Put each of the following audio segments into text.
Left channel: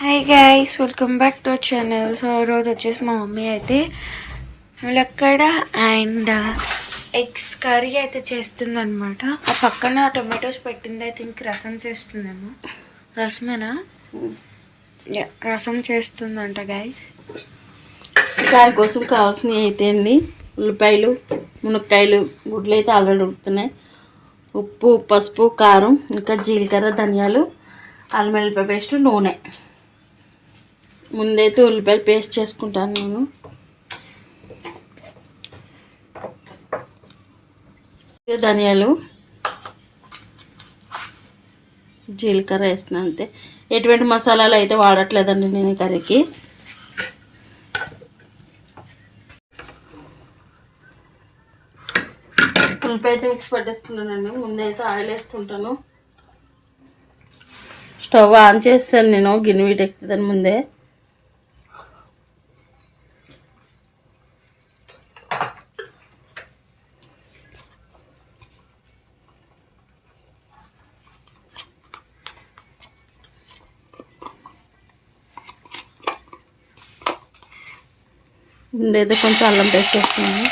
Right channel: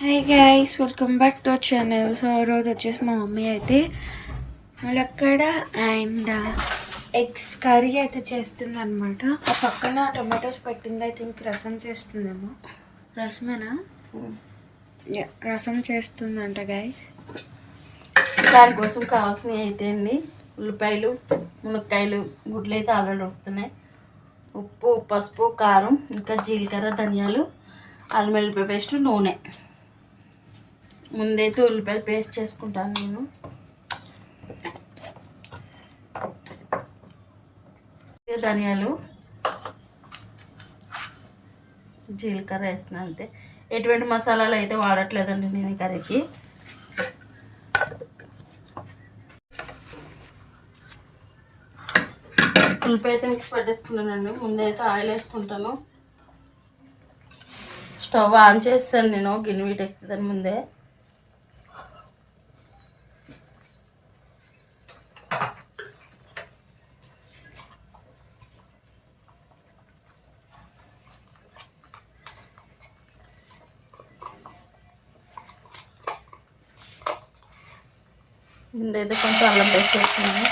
Hi guys, welcome back to our channel. So ఈరోజు వచ్చేసి మా మమ్మీ అయితే ములక్కడ అండ్ ఎగ్స్ కర్రీ అయితే చేస్తుంది అనమాట. ఆ పక్కన టొమాటోస్ పెట్టింది. ఐ థింక్ రసం చేస్తుందేమో. రసమేనా? రసం చేస్తుందంట గైస్. దానికోసం కావాల్సినవి అయితే అండి ఉల్లిపాయలు, మునక్కాయలు, గుడ్లు అయితే ఆల్రెడీ ఉడుకుతున్నాయి. ఉప్పు, పసుపు, కారం, ఇంకా జీలకర్ర, ధనియాలు, అల్లం వెల్లిపాయ పేస్ట్, నూనె. ముందైతే ఉల్లిపాయలు పేస్ట్ చేసుకుంటాను నేను. ధనియాలు, జీలకర్ర వేస్తున్నాను అంతే. ఎటువంటి మసాలాలు అయితే వాడట్లేదండి నేను ఈ కర్రీకి. ఉల్లిపాయ అయితే మిక్స్ పట్టేసుకున్నానండి. ముందైతే ఆయిల్ వేసుకుంటాను. స్టవ్ ఆన్ చేస్తాను నేను, గిన్నె వీటెక్కుతుందని ముందే. ముందైతే కొంచెం అల్లం పేస్ట్ వేసుకున్నాను.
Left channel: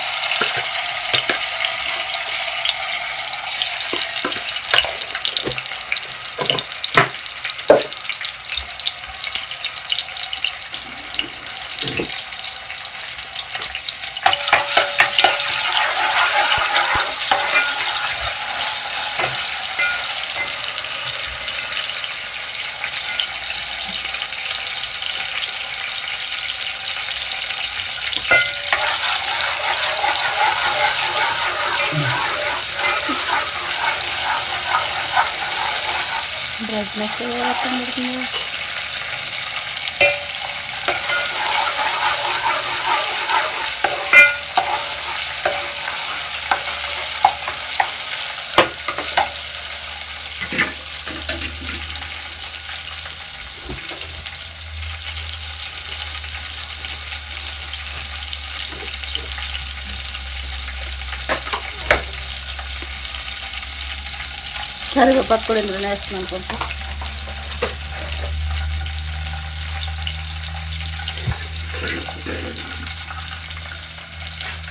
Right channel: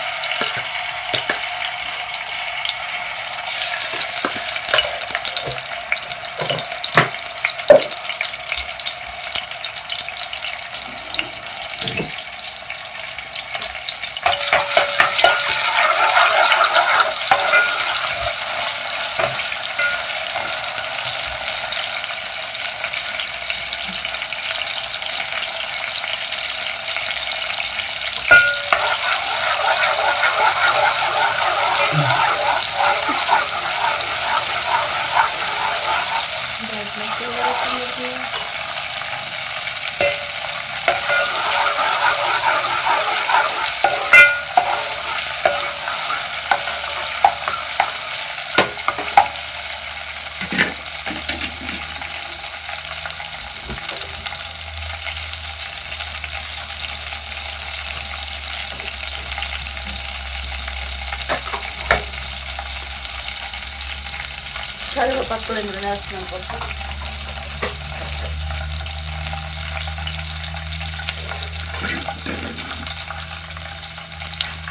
కరివేపాకు కూడా ఇందులో వేస్తున్నాను కొంచెం.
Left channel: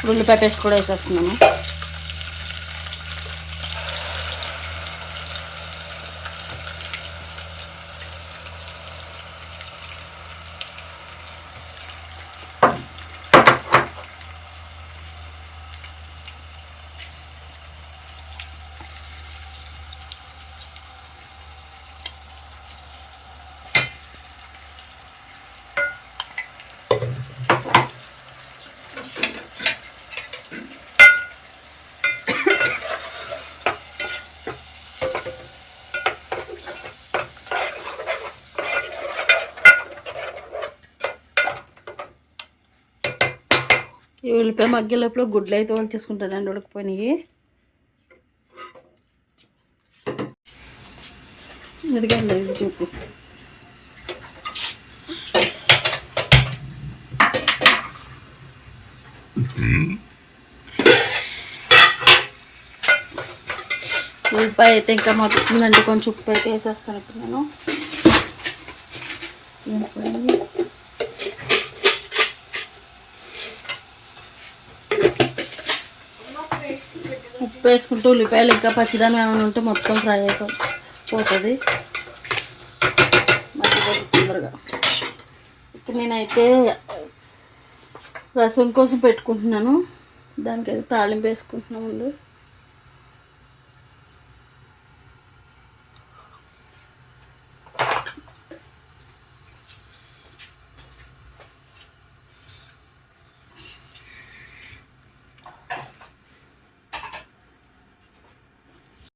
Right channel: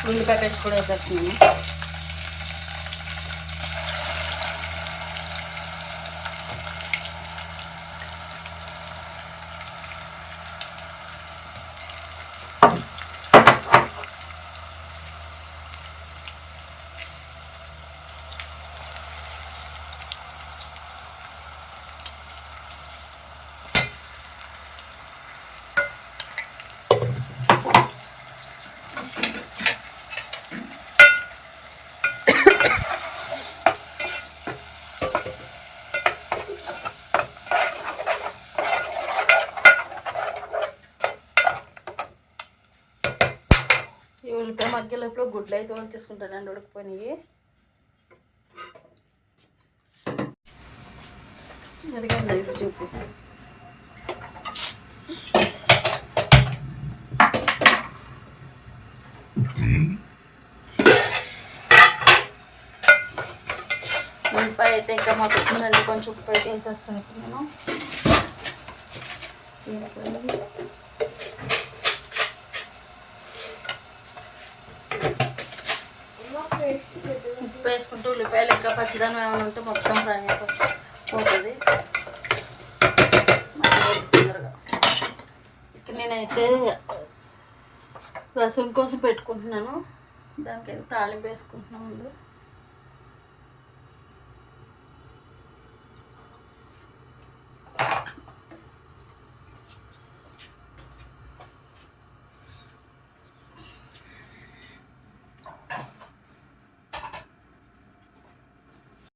ఉల్లిపాయ పేస్ట్ కూడా వేసేస్తున్నాను. ఈ ఉల్లిపాయ మగ్గే లోపల గుడ్లు అయితే వచ్చేసుకుంటానండి, ఉడకపోయినాయి. ఎందుకండి చూపు ఉల్లిపాయ అయితే ఇంకా మొత్తుందండి. కొంచెం ఉప్పు అయితే వేసేస్తాను ఇప్పుడు నేను. ఉప్పు వేసుకుంటూ ఉల్లిపాయలు ఇంకా పచ్చిదానం ఏమైనా ఉంటే మొత్తం ఫ్రై అయిపోతుంది తొందరగా. ఇక్కడ నేనైతే రసం కోసం పెట్టుకుంటున్నాను. దానికైతే తాలింపు వేసుకుంటున్నాను ముందు.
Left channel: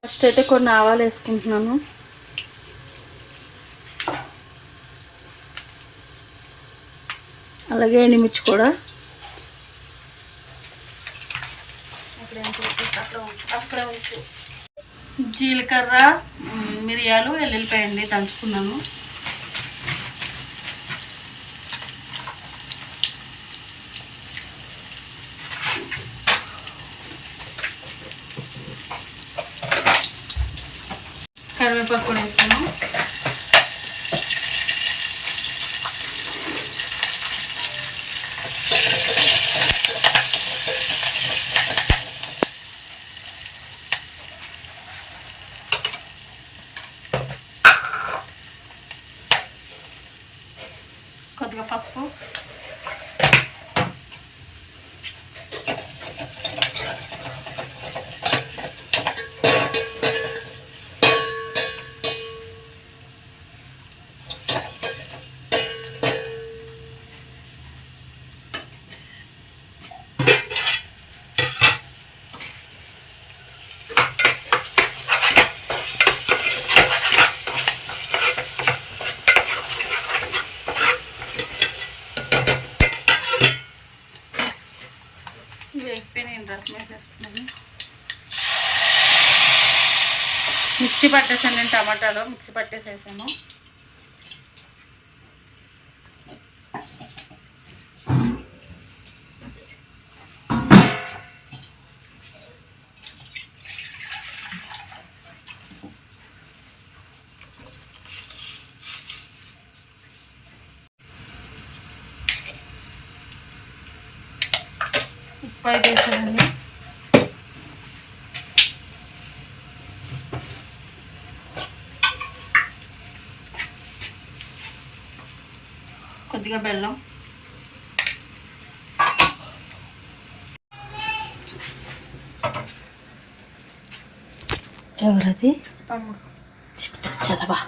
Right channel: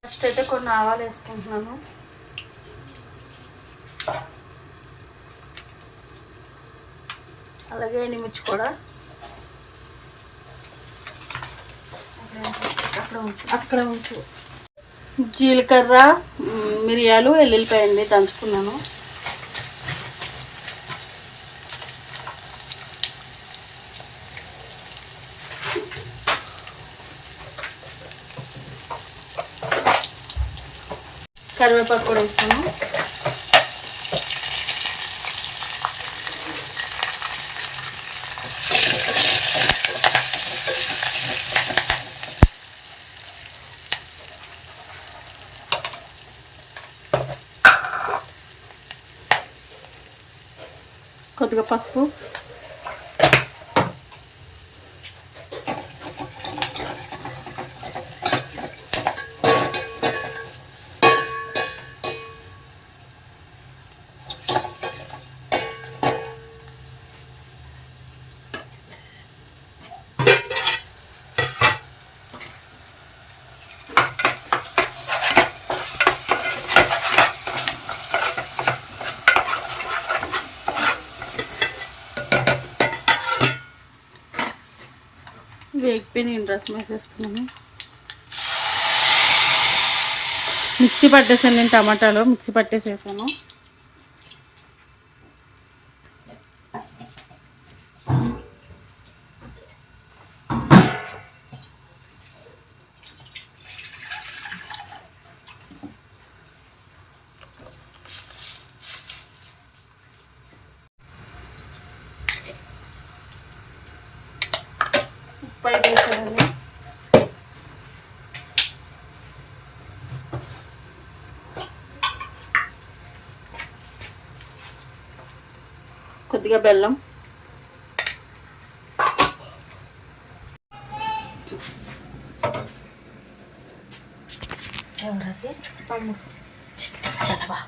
ఫస్ట్ అయితే కొన్ని ఆవాలు వేసుకుంటున్నాను. అలాగే ఎండుమిర్చి కూడా. అక్కడ ఉంచు. జీలకర్ర, మిరియాలు, ఎల్లుల్లిపాయ అండి దంచుకున్నాను. కరివేపాకు కూడా వేస్తాను. కొద్దిగా పసుపు, వేగిపోయి నేను రసం వేసేస్తున్నాను. మిక్సీ పట్టేసాను, నేను టమాటాలో మిక్సీ పట్టేసేసాను. ఉప్పు అయితే వేసానండి. కొద్దిగా బెల్లం, ఎవరది తమ్ముడు చదవా,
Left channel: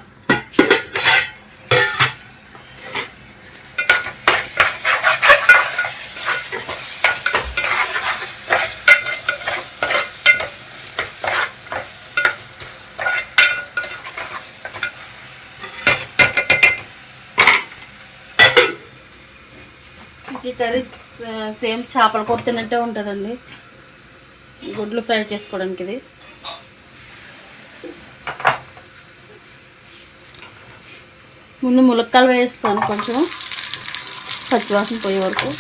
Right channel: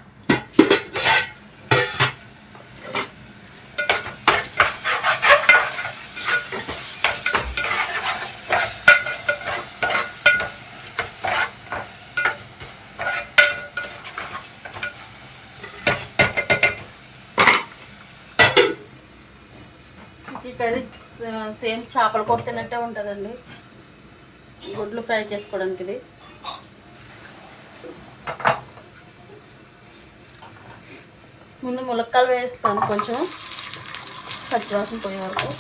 ఈ కర్రీ సేమ్ చేపల కూర తిన్నట్టే ఉంటుందండి. గుడ్లు ఫ్రై చేసుకోవడానికి ఇది. ముందు ములక్కాయలు వేస్తాను కొంచెం పచ్చివాసన పోయే వరకు.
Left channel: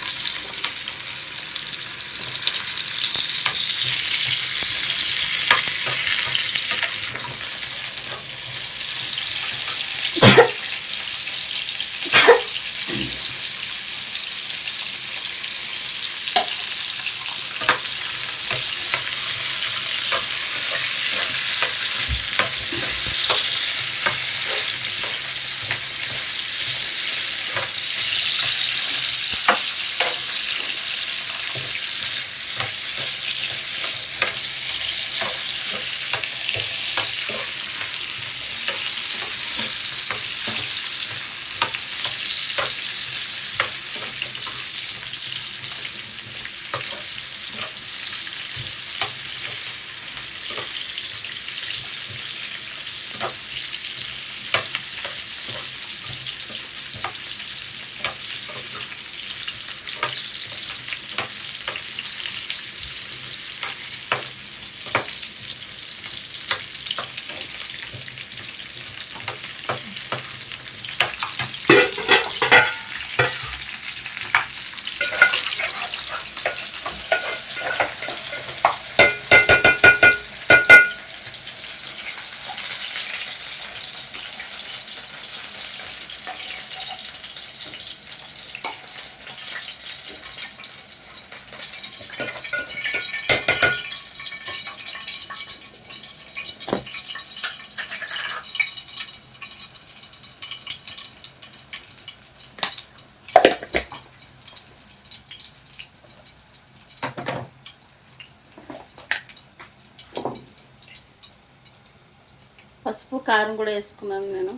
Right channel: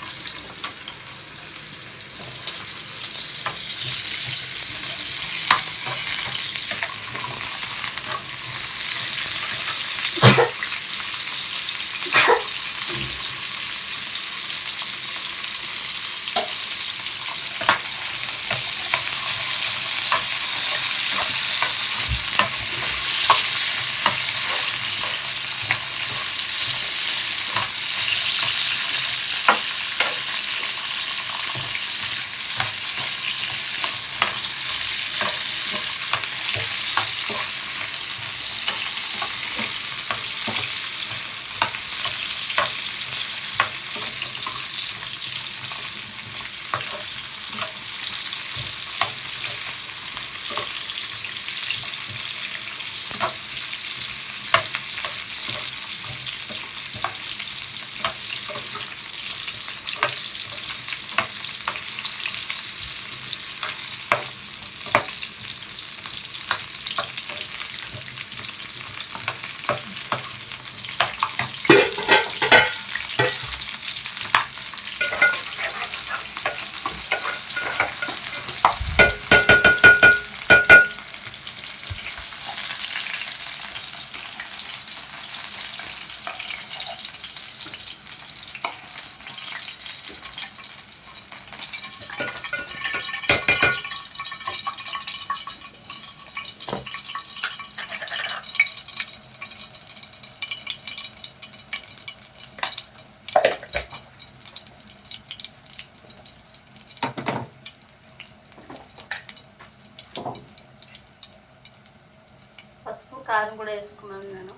పసుపు కారం కూడా వేసుకున్నాను నేను.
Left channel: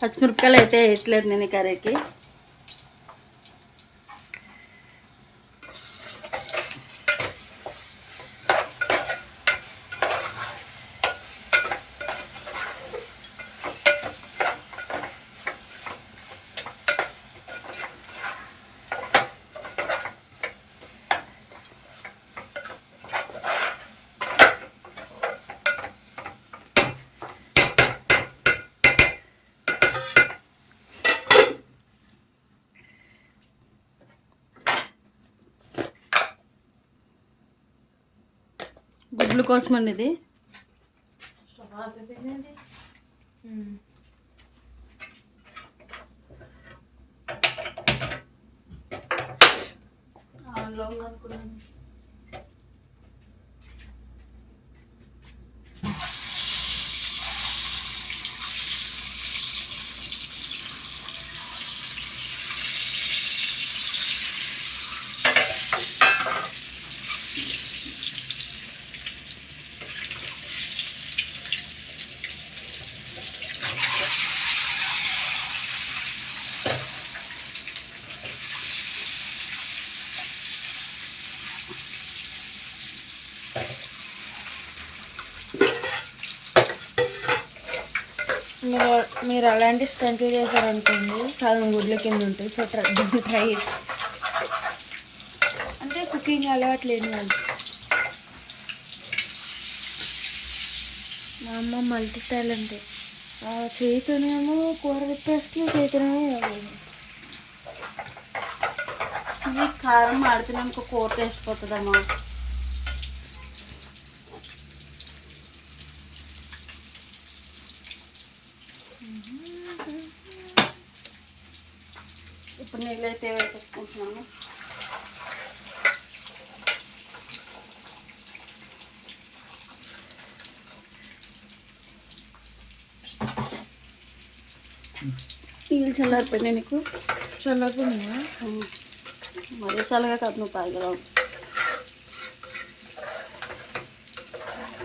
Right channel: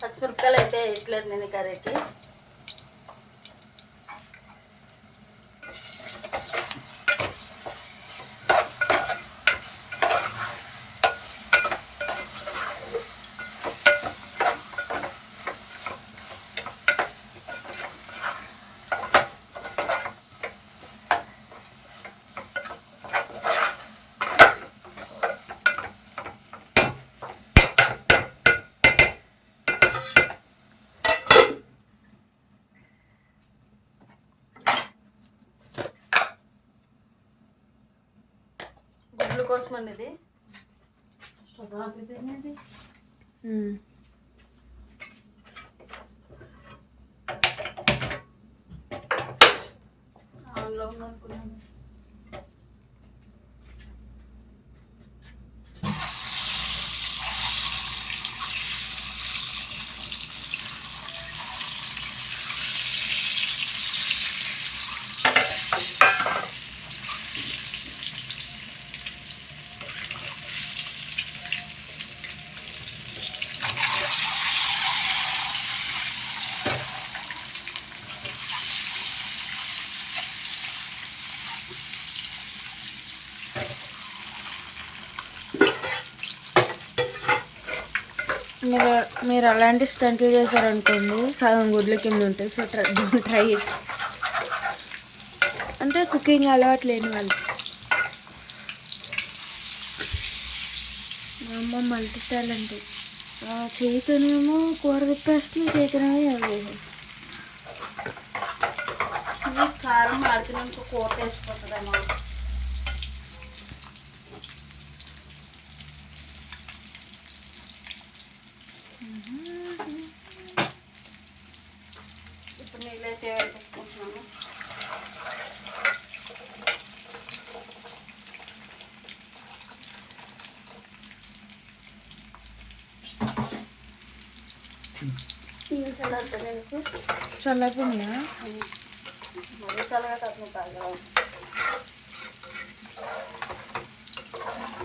పచ్చిమిరపకాయలు అయితే వేయట్లేదు నేను ఈ కర్రీకి. గుడ్ల కోసం అండి ఇది. స్టవ్ ఆపేదేనండి. ఆన్లో అనుకున్నాను. మీరు మీరు అలాంటి స్టంట్లు చేశారనుకోండి సగం గుడ్ల కింద ఉంటాయి. సో ట్రై అంటే కుకింగ్ అలవాటు లేని వాళ్ళు. మా అమ్మ మల్టీ టాలెంటెడ్. చేతినేమో కూర తిప్పేస్తుంది, చేతినేమో కారం మాడితేనే ఇంకో కూర వేసిపోతుందమ్మా. ఇప్పుడు నీళ్ళైతే వేసేసుకుంటున్నాము. నీళ్ళు చల్లారిపోయినాయి నీకు? చల్లారిపోయినాయా? మరీ చల్లగా కాదు, నువ్వు తాగలవు.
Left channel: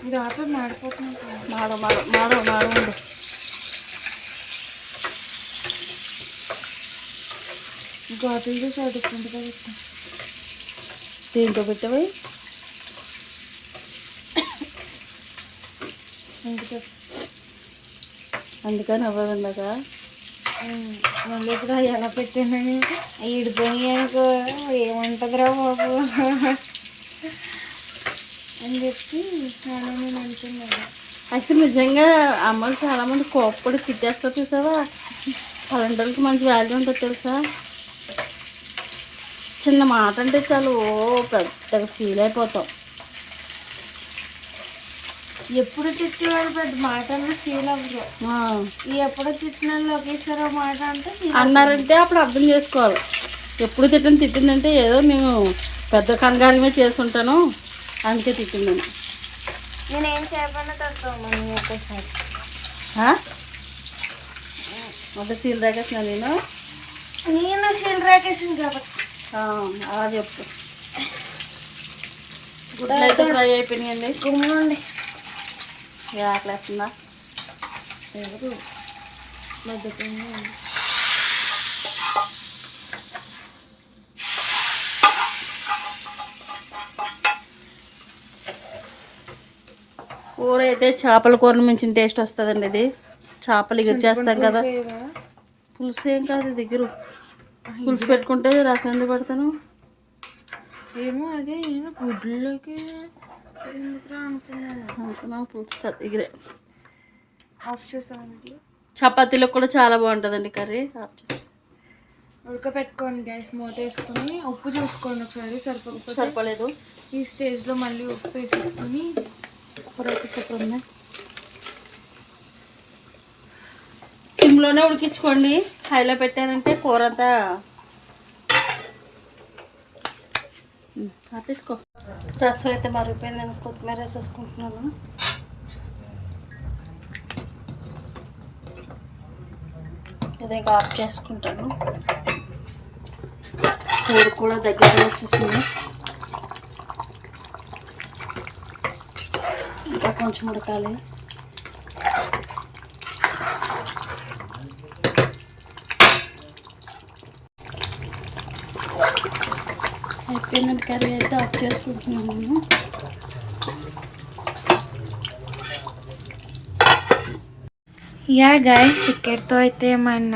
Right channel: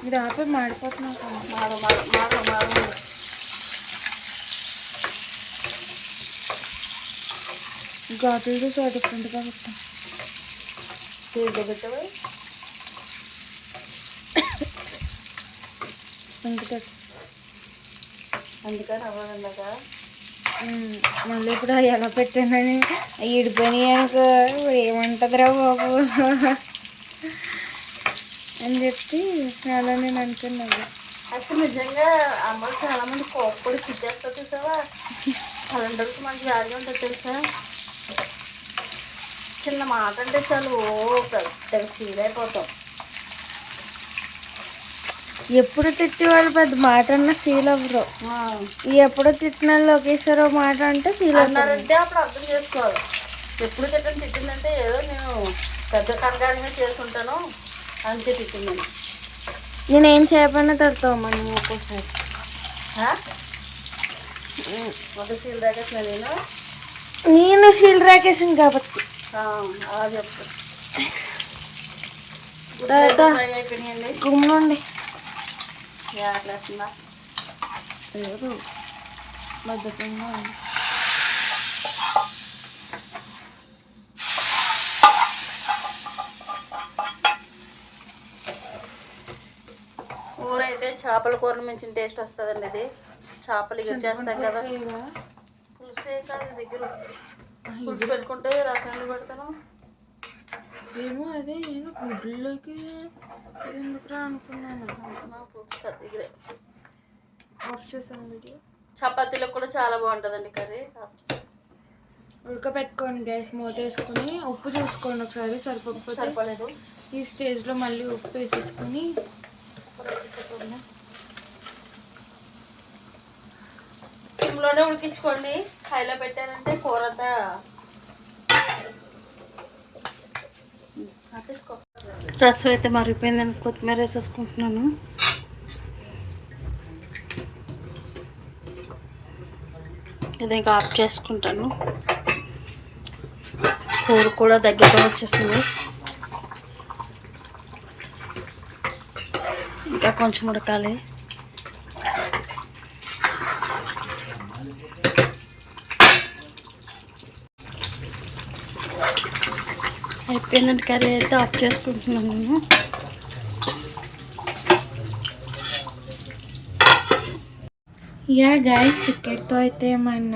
ఇది ఆపే మాడిపోతున్నావు కదా. మాడండి. ఘాటులు చూసి డిఫరెంట్గా పెట్టాం. దీంట్లో పెట్టాయి అందుకని అవ్వదండి కదా. మళ్ళీ ఇప్పుడు ఎలా పెట్టానని ఇడిపోయినాయి అనుకో ఏమంటుందిరా బాబు అని చెప్పి అలా నేను అనుకున్నాను. యాక్చువల్ నిజంగా అమ్మలు చాలామంది కోప్పడి తిట్టేస్తారు చూసావా. కరెంటుకి మంచి వాల్యూ ఉంటుంది తెలుసా. చిన్న మాట అంటే చాలు పెద్దగా ఫీల్ అయిపోతాం. ఎప్పుడు తిట్టి వాళ్ళు పెద్ద మాట అన్న ఫీల్ అవ్వరు. ఎప్పుడు తిట్టిన వాళ్ళు ఒకేసారి మాట అంటే ఫీల్ అన్నారంటే అప్పుడు అర్థం చేసుకోవాలి. ఎప్పుడు తిట్టిందంటే ఏదో నేను పెద్ద కంగారమే చేస్తుంటాను అందుకే తిట్టిందని. నేనేం చేయకపోయినా తిడతావు మనం ఒక్కోసారి. ఒక సీల్ రాకేసిన నేను సీల్ రాకేసాను కాబట్టి అలా చెప్పు. అయిపోయినాయండి. గుమ్మండి అట్లేస్తుందా? లేదు బద్దకంగా ఉంది. కూర అయితే చేపల కూరను మించిన టేస్ట్ వస్తుందండి. ఇది చేపలు ఎగురు చేస్తాం కదా. పులుసు ఏం కాదు దగ్గర పులుసు పెట్టుకుంటే రసం ఎందుకు పెడతాను ఏమో. అదే నేను గుడ్లోకి ఎందుకురా అనుకున్నాను. పులుసు కాదు దగ్గరే. ఆఫ్ చేసాను వీడియో. చపాతీలో కూడా చాలా బాగుంటుందండి కర్రీ. ఉడకపెట్టుకోండి గ్యాస్ మూత వేసుకొని ఉప్పు చూసుకోండి ఒకసారి. సరిపోలేదు ఈ స్టేజ్లో మళ్ళీ ఉప్పు వేసేసుకొని సిమ్లోనే ఉడికించుకోండి. హైలో పెట్టానంటే కూర అంతా తీసుకో. రసం అయితే మరిగిపోయిందని కొత్తిమీర వేసేసుకుంటున్నాను. ఇది ఇంకా ఆఫ్ చేసుకుంటాను. కూర కూడా దగ్గరగా వచ్చేసింది. ఇంకా కొంచెం ఉడకాలి. అయిపోయిందండి కర్రీ అయితే ఆఫ్ చేసుకుంటున్నాను నేను. యా గైస్, ఇక్కడితో అయితే మన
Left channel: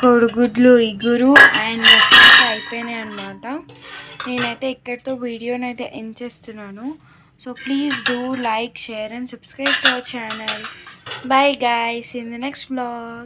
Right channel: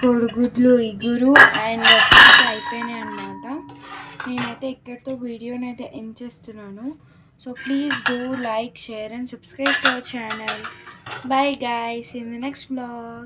కోడిగుడ్లు ఇగురు అండ్ రసం అయిపోయినాయి అన్నమాట. నేనైతే ఇక్కడితో వీడియోని అయితే ఎండ్ చేస్తున్నాను. So please do like, share and subscribe to our channel. Bye guys, in the next vlog.